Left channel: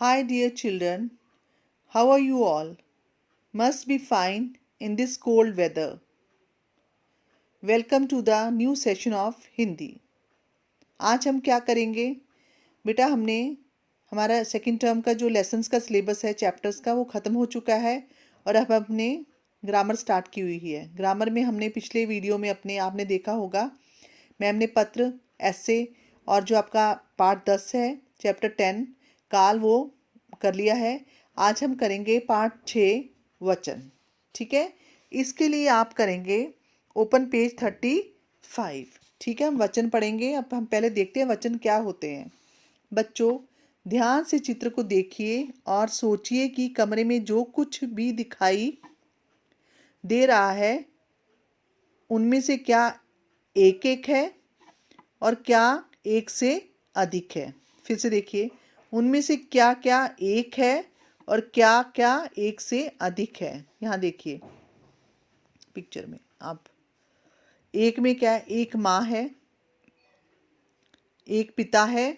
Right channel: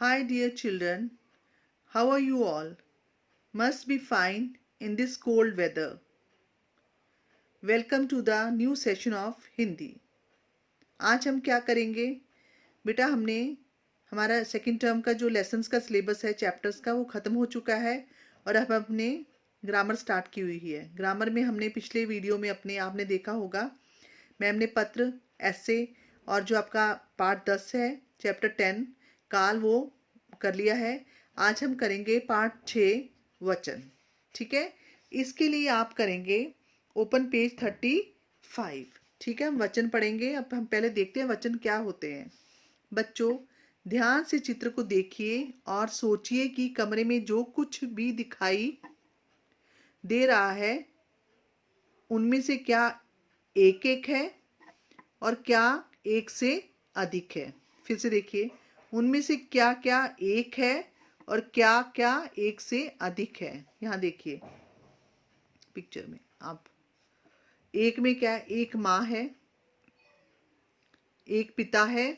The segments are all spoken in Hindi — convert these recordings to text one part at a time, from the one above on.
Hi, dear children. How are you all? Must be fine in this cold weather. Welcome to the new session of Hindi. आज हम क्या करेंगे बेटा? हमने हमारा सेकंड टर्म का जो लेसन्स का सिलेबस है, चैप्टर्स का, वो ख़त्म हो चुका है और अब हमने ग्रामर स्टार्ट की हुई है। ग्रामर में हमने पिछले वीडियो में आपने देखा होगा, मैम ने पत्र, ऐसे और जो आपका पार्ट 10 है, चैप्टर 10 काल, वो कर लिया है। आज हम करेंगे पार्ट 6 वचन। ठीक है, इसके लिए आप करेंगे ओपन पेज 35। ठीक है, हम वचन पढ़ेंगे। अब हम पहले देखते हैं वचन क्या होते हैं। बच्चों, ध्यान से चित्र को देखिए और सोचिए कि कमरे में जो कुछ भी दिखाई दे रहा है उनमें से क्या एक एक है और क्या एक से अधिक है। फिर से देखिए, उनमें से क्या क्या एक है और क्या क्या एक से अधिक है। यहाँ देखिए पिक्चर में आप, एक में क्या है? एक माँ है, एक पिता है,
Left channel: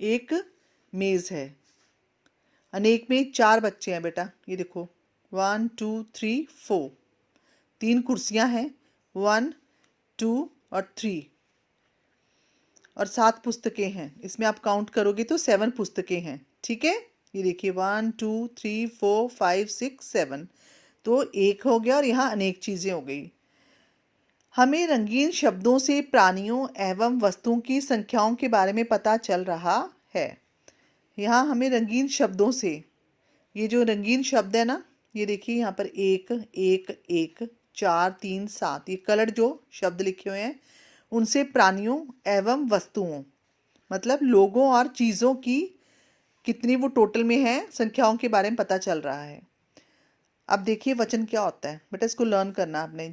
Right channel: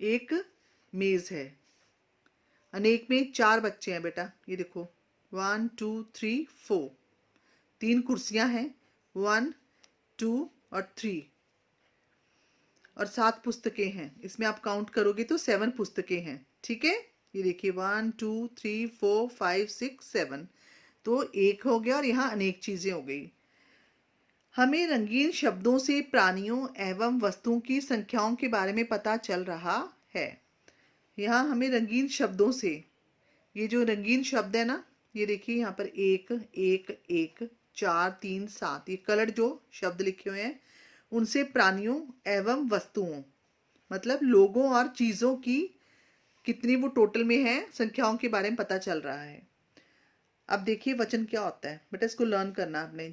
एक मेज है। अनेक में 4 बच्चे हैं बेटा, ये देखो 1 2 3 4, 3 कुर्सियां हैं, 1 2 और 3, और 7 पुस्तकें हैं। इसमें आप काउंट करोगे तो 7 पुस्तकें हैं। ठीक है, ये देखिए 1 2 3 4 5 6 7, तो एक हो गया और यहाँ अनेक चीज़ें हो गई। हमें रंगीन शब्दों से प्राणियों एवं वस्तुओं की संख्याओं के बारे में पता चल रहा है। यहाँ हमें रंगीन शब्दों से, ये जो रंगीन शब्द है ना, ये देखिए यहाँ पर एक एक एक 4 3 7, ये कलर जो शब्द लिखे हुए हैं, उनसे प्राणियों एवं वस्तुओं मतलब लोगों और चीज़ों की कितनी वो टोटल में है संख्याओं के बारे में पता चल रहा है। अब देखिए वचन क्या होता है बेटा, इसको लर्न करना आपने।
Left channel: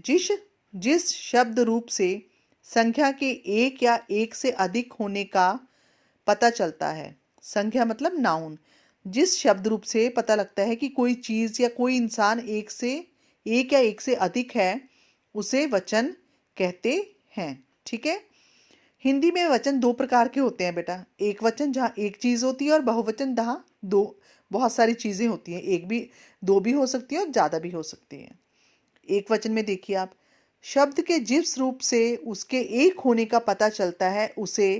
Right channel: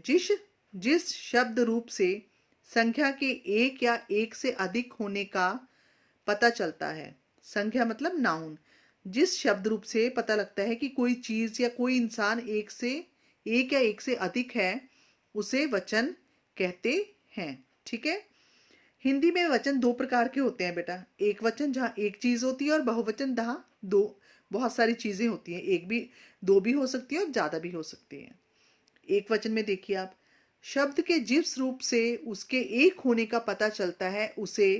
जिस शब्द रूप से संख्या के एक या एक से अधिक होने का पता चलता है, संख्या मतलब नाउन, जिस शब्द रूप से पता लगता है कि कोई चीज़ या कोई इंसान एक या एक से अधिक है, उसे वचन कहते हैं। ठीक है, हिंदी में वचन 2 प्रकार के होते हैं बेटा। एक वचन जहाँ एक चीज़ होती है और बहुवचन जहाँ दो बहुत सारी चीज़ें होती हैं। एक भी, 2 भी हो सकती है और ज़्यादा भी हो सकती हैं। एक वचन में देखिए आप, शब्द के जिस रूप से उसके एक होने का पता चलता है उसे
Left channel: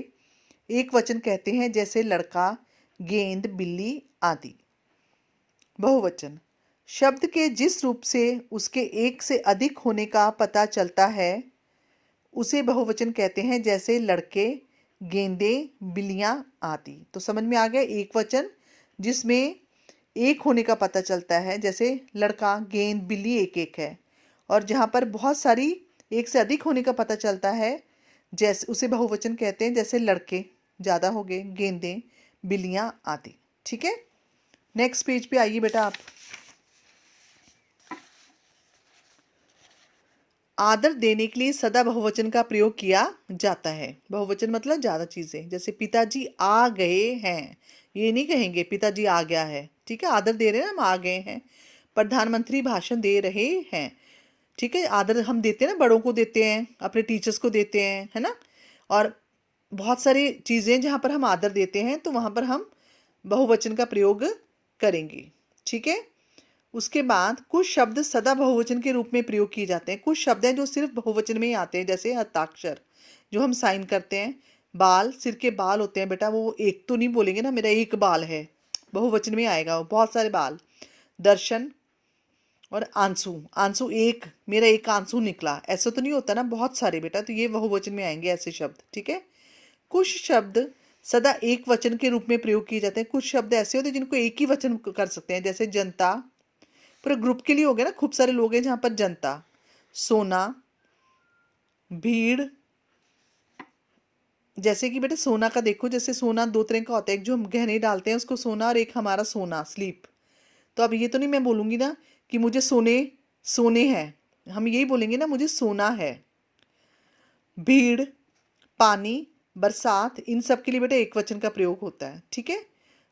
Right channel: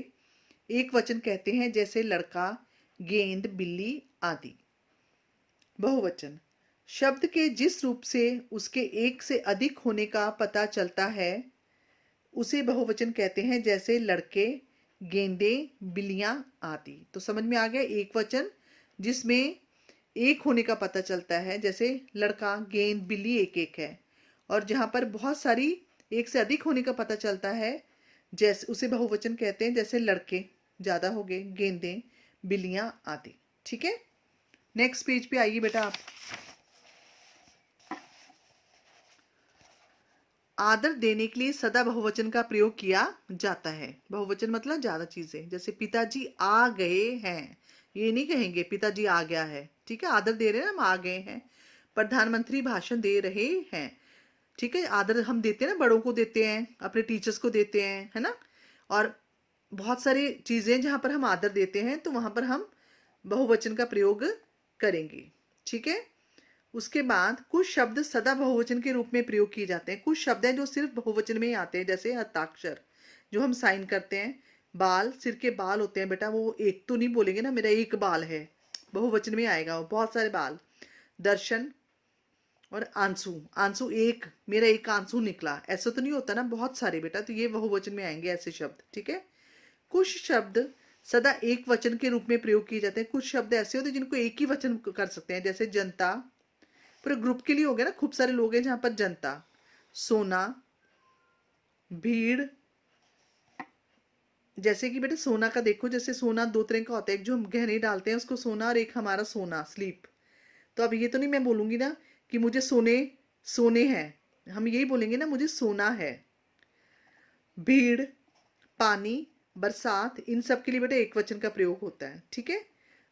एक वचन कहते हैं, जैसे लड़का, गेंद, बिल्ली आदि। बहुवचन, शब्द के जिस रूप से उसके एक से अधिक होने का पता चलता है उसे बहुवचन कहते हैं, जैसे लड़के, गेंदे, बिल्लियां आदि। तो समझ में आ गया, एक वचन जिसमें एक होने का पता चलता है, जैसे लड़का, गेंद, बिल्ली एक एक है, और जहाँ पर बहुत सारी एक से अधिक होने का पता चलता है जैसे उसे बहुवचन कहते हैं, जैसे लड़के ज़्यादा हो गए, गेंदें, बिल्लियाँ आदि। ठीक है, नेक्स्ट पेज पे आइए बेटा आप। आदर देने के लिए सदा बहुवचन का प्रयोग किया जाता है। बहुवचन मतलब ज़्यादा चीज़ें, जैसे पिताजी आ गए हैं, ये नहीं कहेंगे पिताजी आ गया है। ठीक है, आदर दे रहे हैं, हम आ गए हैं। प्रधानमंत्री भाषण दे रहे हैं। ठीक है, आदर हम देते हैं ना, बड़ों को देते हैं, अपने टीचर्स को देते हैं, है ना। और बहुत सारी चीज़ें जहाँ पर हम आदर देते हैं तो वहाँ पर हम बहुवचन का प्रयोग करेंगे। ठीक है, उसके बाद कुछ शब्द सदा बहुवचन के रूप में प्रयोग किए जाते हैं। कुछ शब्द हैं जो सिर्फ बहुवचन में ही आते हैं, जैसे हस्ताक्षर जो हम साइन करते हैं। बाल, सिर के बाल होते हैं बेटा, वो एक तो नहीं बोलेंगे ना मेरा एक बाल है, बहुवचन में आएगा वो, बहुत सारे बाल। दर्शन और आंसू, आंसू एक, मेरा एक आंसू निकला, ऐसा तो नहीं होता ना, बहुत सारे बेटा, तो ये बहुवचन में आएंगे ऐसे शब्द। ठीक है, कुछ शब्द सदा एक वचन के रूप में प्रयोग किए जाते हैं। कुछ शब्द ऐसे होते हैं जिनको एक ही वचन कर सकते हैं, जैसे जनता, पूरे ग्रुप के लिए हो गया ना, खूब सारे लोग हैं जहाँ पर जनता। सोना, भीड़, जैसे कि बेटे सोना का देखो, जैसे सोना 2 तरह का होता है, एक जो हम गहने डालते हैं उसको सोना, और एक हमारा सोना स्लीप। तो अब ये तो नहीं मैं बोलूँगी ना कि मुझे सोने सोने हैं, हम यही बोलेंगे ना मुझे सोना है। भीड़, पानी, बरसात, इन सब के लिए बेटा एक वचन का प्रयोग होता है। ठीक है,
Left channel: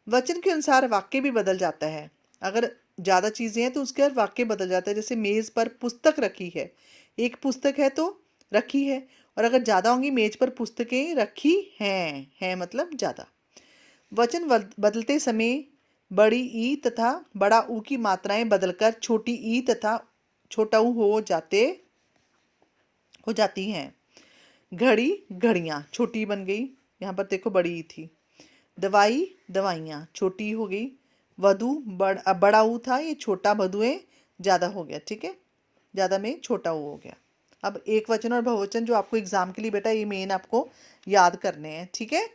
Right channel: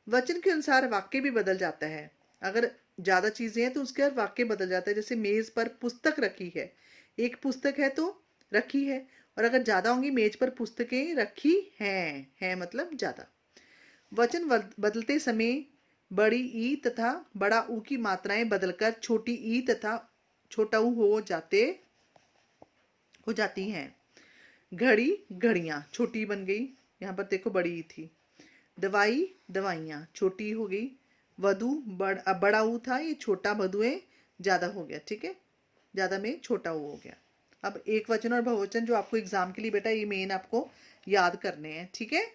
वचन के अनुसार वाक्य भी बदल जाता है। अगर ज़्यादा चीज़ें हैं तो उसके बाद वाक्य बदल जाता है। जैसे मेज़ पर पुस्तक रखी है, एक पुस्तक है तो रखी है, और अगर ज़्यादा होंगी, मेज पर पुस्तकें रखी हैं, है मतलब ज़्यादा। वचन बदलते समय बड़ी ई तथा बड़ा ऊ की मात्राएं बदलकर छोटी ई तथा छोटा ऊ हो जाती हैं। घड़ी घड़ियाँ, छोटी बन गई, यहाँ पर देखो बड़ी ई थी। दवाई दवाइयाँ, छोटी हो गई। वधु बड़ा ऊ था, ये छोटा वधुएं ज़्यादा हो गया। ठीक है, ज़्यादा में छोटा ऊ हो गया। अब एक वचन और बहुवचन जो आपको एग्जाम के लिए बेटा ये मेन आपको याद करने हैं। ठीक है,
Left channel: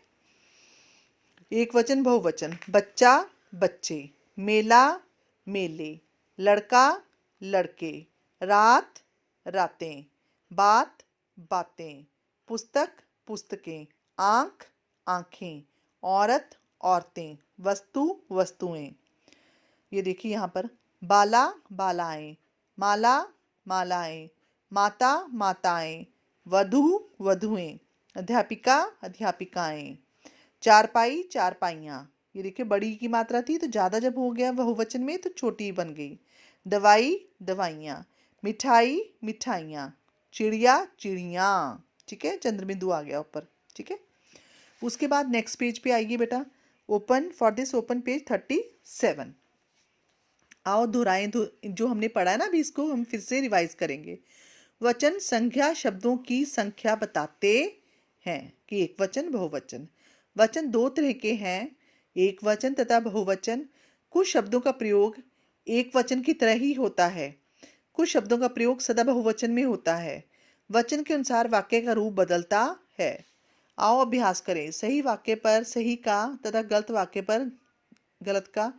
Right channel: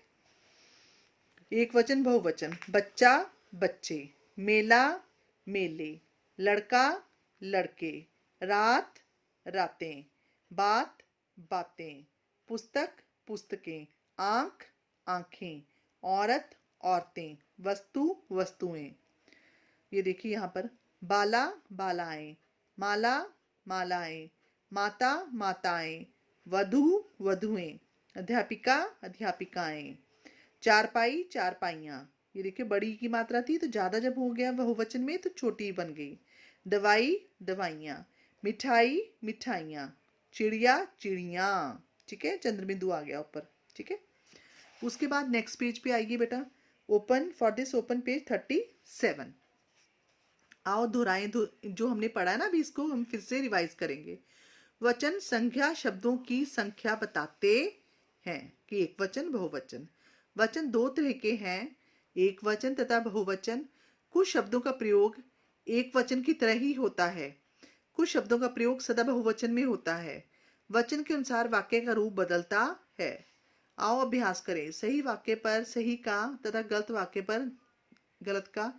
एक वचन बहुवचन, बच्चा बच्चे, मेला मेले, लड़का लड़के, रात रातें, बात बातें, पुस्तक पुस्तकें, आँख आँखें, औरत औरतें, वस्तु वस्तुएं। ये देखिए यहाँ पर बाला बालाएं, माला मालाएं, माता माताएं, वधु वधुएं, अध्यापिका अध्यापिकाएं, चारपाई चारपाइयाँ। ये देखिए बड़ी की मात्रा थी तो ज़्यादा जब हो गया बहुवचन में तो छोटी बन गई। दवाई दवाइयाँ, मिठाई मिठाइयाँ, चिड़िया चिड़ियाँ। ठीक है, चंद्रबिंदु आ गया ऊपर। ठीक है, उसके बाद नेक्स्ट पेज पे आइए बेटा। Open for this open page 37। आओ दोहराएं जो हमने पढ़ा है ना, अभी इसको हम फिर से रिवाइज करेंगे। वचन संख्या शब्दों की संख्या बताते हैं कि एक वचन बहुवचन। वचन दो तरह के हैं, एक वचन तथा बहुवचन। कुछ शब्दों का प्रयोग एक वचन की तरह ही होता है, कुछ शब्दों का प्रयोग सदा बहुवचन में होता है। वचन के अनुसार वाक्य का रूप बदलता है। आओ अभ्यास करें। सही वाक्य पर सही का तथा गलत वाक्य पर गलत का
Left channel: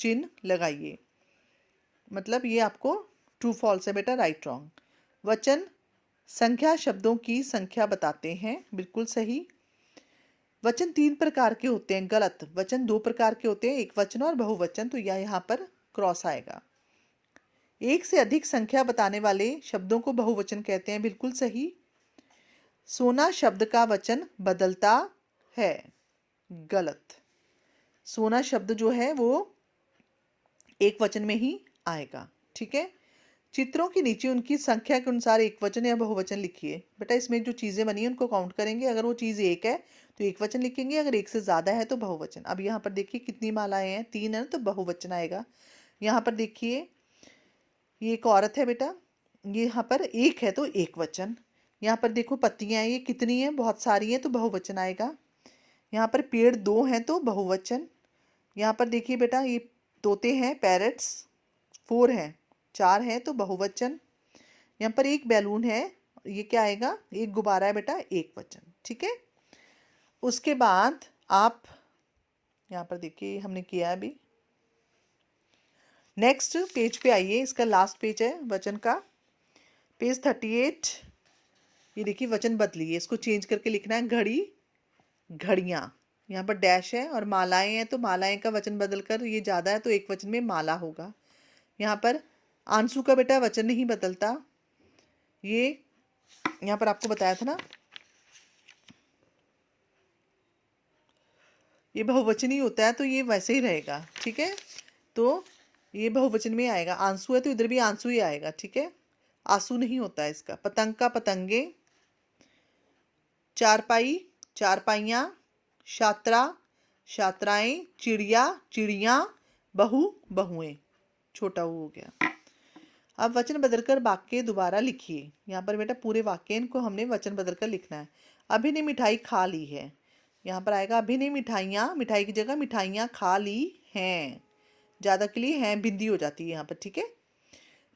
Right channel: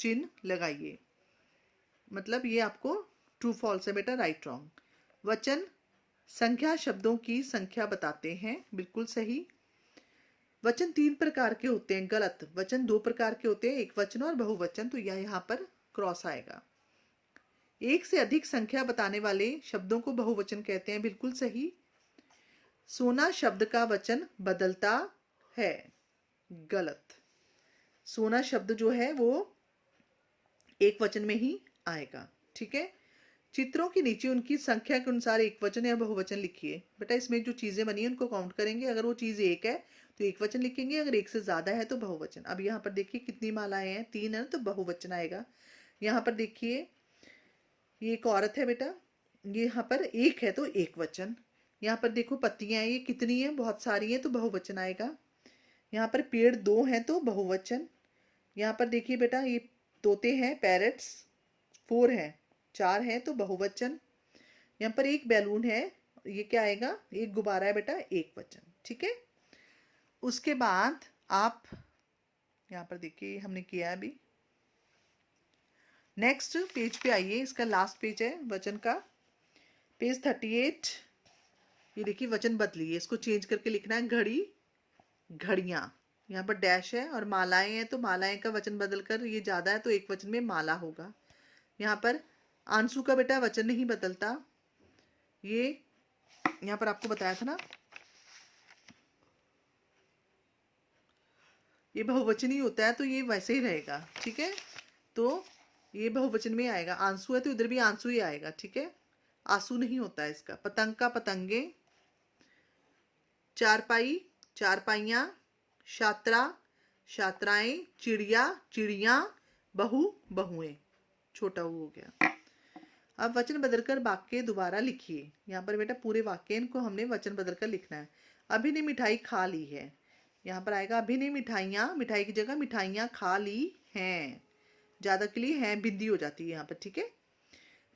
चिन्ह लगाइए। मतलब ये आपको ट्रू फॉल्स है बेटा, राइट रॉन्ग। वचन संख्या शब्दों की संख्या बताते हैं, बिल्कुल सही। वचन तीन प्रकार के होते हैं, गलत। वचन दो प्रकार के होते हैं, एक वचन और बहुवचन, तो यह यहाँ पर क्रॉस आएगा। एक से अधिक संख्या बताने वाले शब्दों को बहुवचन कहते हैं, बिल्कुल सही। सोना शब्द का वचन बदलता है, गलत। सोना शब्द जो है वो एक वचन में ही आएगा। ठीक है, चित्रों के नीचे उनकी संख्या के अनुसार एक वचन या बहुवचन लिखिए। बेटा इसमें जो चीज़ें बनी है उनको काउंट करेंगे, अगर वो चीज़ एक है तो एक वचन लिखेंगे, अगर एक से ज़्यादा है तो बहुवचन। अब यहाँ पर देखिए कितनी मालाएं हैं, 3 है तो बहुवचन आएगा। यहाँ पर देखिए ये एक औरत है बेटा, ये यहाँ पर एक है तो एक वचन। यहाँ पर देखो पत्तियाँ ये कितनी हैं, बहुत सारी हैं तो बहुवचन आएगा। यहाँ पर पेड़ 2 हैं तो बहुवचन। यहाँ पर देखिए बेटा ये तोते हैं, पैरट्स 4 हैं, 4 हैं तो बहुवचन। यहाँ पर एक बैलून है, ये क्या आएगा, एक गुब्बारा है बेटा, एक वचन। ठीक है, उसके बाद आप यहाँ पर देखिए हमने किया है अभी। नेक्स्ट पेज पे आइए, इसका लास्ट पेज है वचन का, पेज 38। ये देखिए वचन बदलिए, इसको चेंज करके लिखना है घड़ी घड़ियाँ। यहाँ पर डैश है और मालाएं हैं तो मालाएं का वचन बदलकर ये ज़्यादा है तो एक वचन में माला होगा। यहाँ पर आंसू का बेटा वचन नहीं बदलता, ये यहाँ पर आपको बताया था ना, ये बहुवचन ही होता है तो ये वैसे ही रहेगा। ठीक है, तो ये बहुवचन में आएगा। आंसू है तो इधर भी आंसू ही आएगा। ठीक है, आंसू नहीं होता है इसका। पतंग का पतंगे, चारपाई चारपाइयाँ, छात्रा छात्राएं, चिड़िया चिड़ियाँ, बहू बहुएं, छोटा ऊ हो गया। अब वचन बदलकर वाक्य दोबारा लिखिए। यहाँ पर बेटा पूरे वाक्य इनको हमने वचन बदलकर लिखना है। अभी ने मिठाई खा ली है, यहाँ पर आएगा अभी ने मिठाइयाँ, मिठाई की जगह मिठाइयाँ खा ली हैं, ज़्यादा के लिए हैं बिंदी हो जाती है यहाँ पर। ठीक है,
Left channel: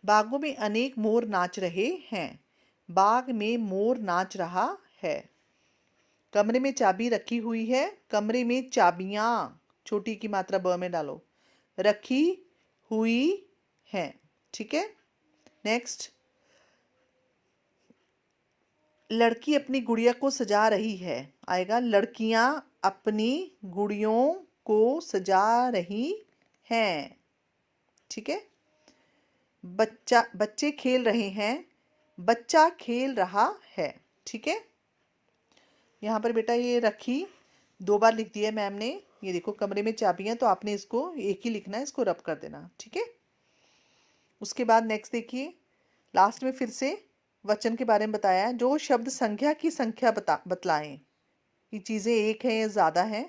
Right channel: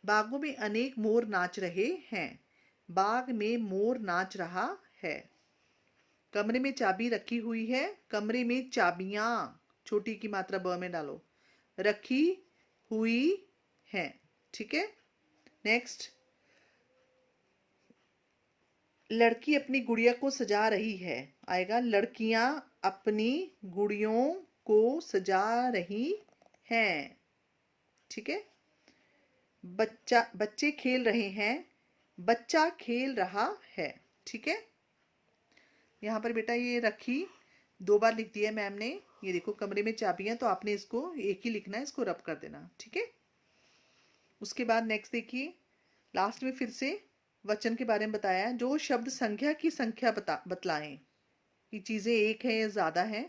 बागों में अनेक मोर नाच रहे हैं, बाग में मोर नाच रहा है। कमरे में चाबी रखी हुई है, कमरे में चाबियाँ, छोटी की मात्रा ब में डालो, रखी हुई है। ठीक है, नेक्स्ट, लड़की अपनी गुड़िया को सजा रही है, आएगा लड़कियां अपनी गुड़ियों को सजा रही हैं। ठीक है, बच्चे खेल रहे हैं, बच्चा खेल रहा है। ठीक है, यहाँ पर बेटा ये रखी 2 बार लिख दिया मैम ने। ये देखो कमरे में चाबियां, तो आपने इसको एक ही लिखना है, इसको रब कर देना। ठीक है, उसके बाद नेक्स्ट देखिए, लास्ट में फिर से वचन के बारे में बताया है। जो शब्द संख्या की संख्या बतलाएं कि चीज़ें एक है या ज़्यादा है,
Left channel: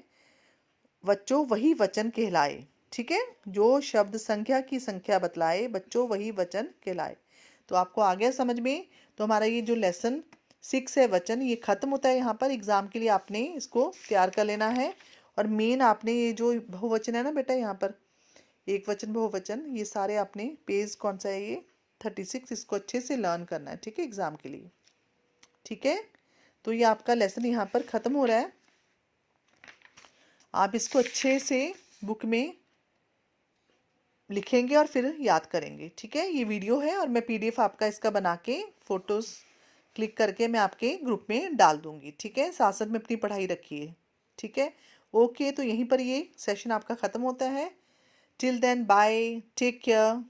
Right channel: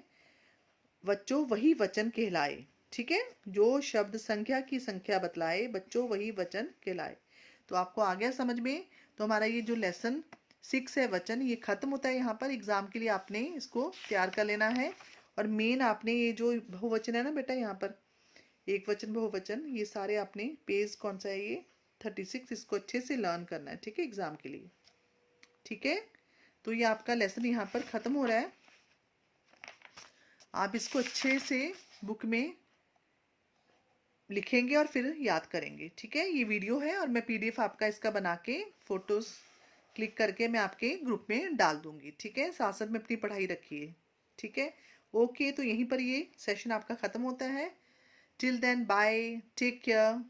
बच्चों वही वचन कहलाए। ठीक है, जो शब्द संख्या की संख्या बतलाए बच्चों वही वचन कहलाए। तो आपको आ गया समझ में। तो हमारा ये जो लेसन 6 है वचन, ये खत्म होता है। यहाँ पर एग्जाम के लिए आपने इसको तैयार कर लेना है। और मेन आपने ये जो बहुवचन है ना बेटा, यहाँ पर एक वचन बहुवचन, ये सारे आपने पेज कौन सा है ये 36, इसको अच्छे से लर्न करना है। ठीक है, एग्जाम के लिए। ठीक है, तो ये आपका लेसन यहाँ पर ख़त्म हो रहा है। आप इसको अच्छे से बुक में लिखेंगे और फिर याद करेंगे। ठीक है, ये वीडियो है और मैं PDF आपका इसका बना के फ़ोटोज़ क्लिक करके मैं आपके ग्रुप में डाल दूँगी। ठीक है, साथ साथ में अपनी पढ़ाई रखिए। ठीक है, ओके, तो यहीं पर ये सेशन आपका ख़त्म होता है। Till then bye, take care.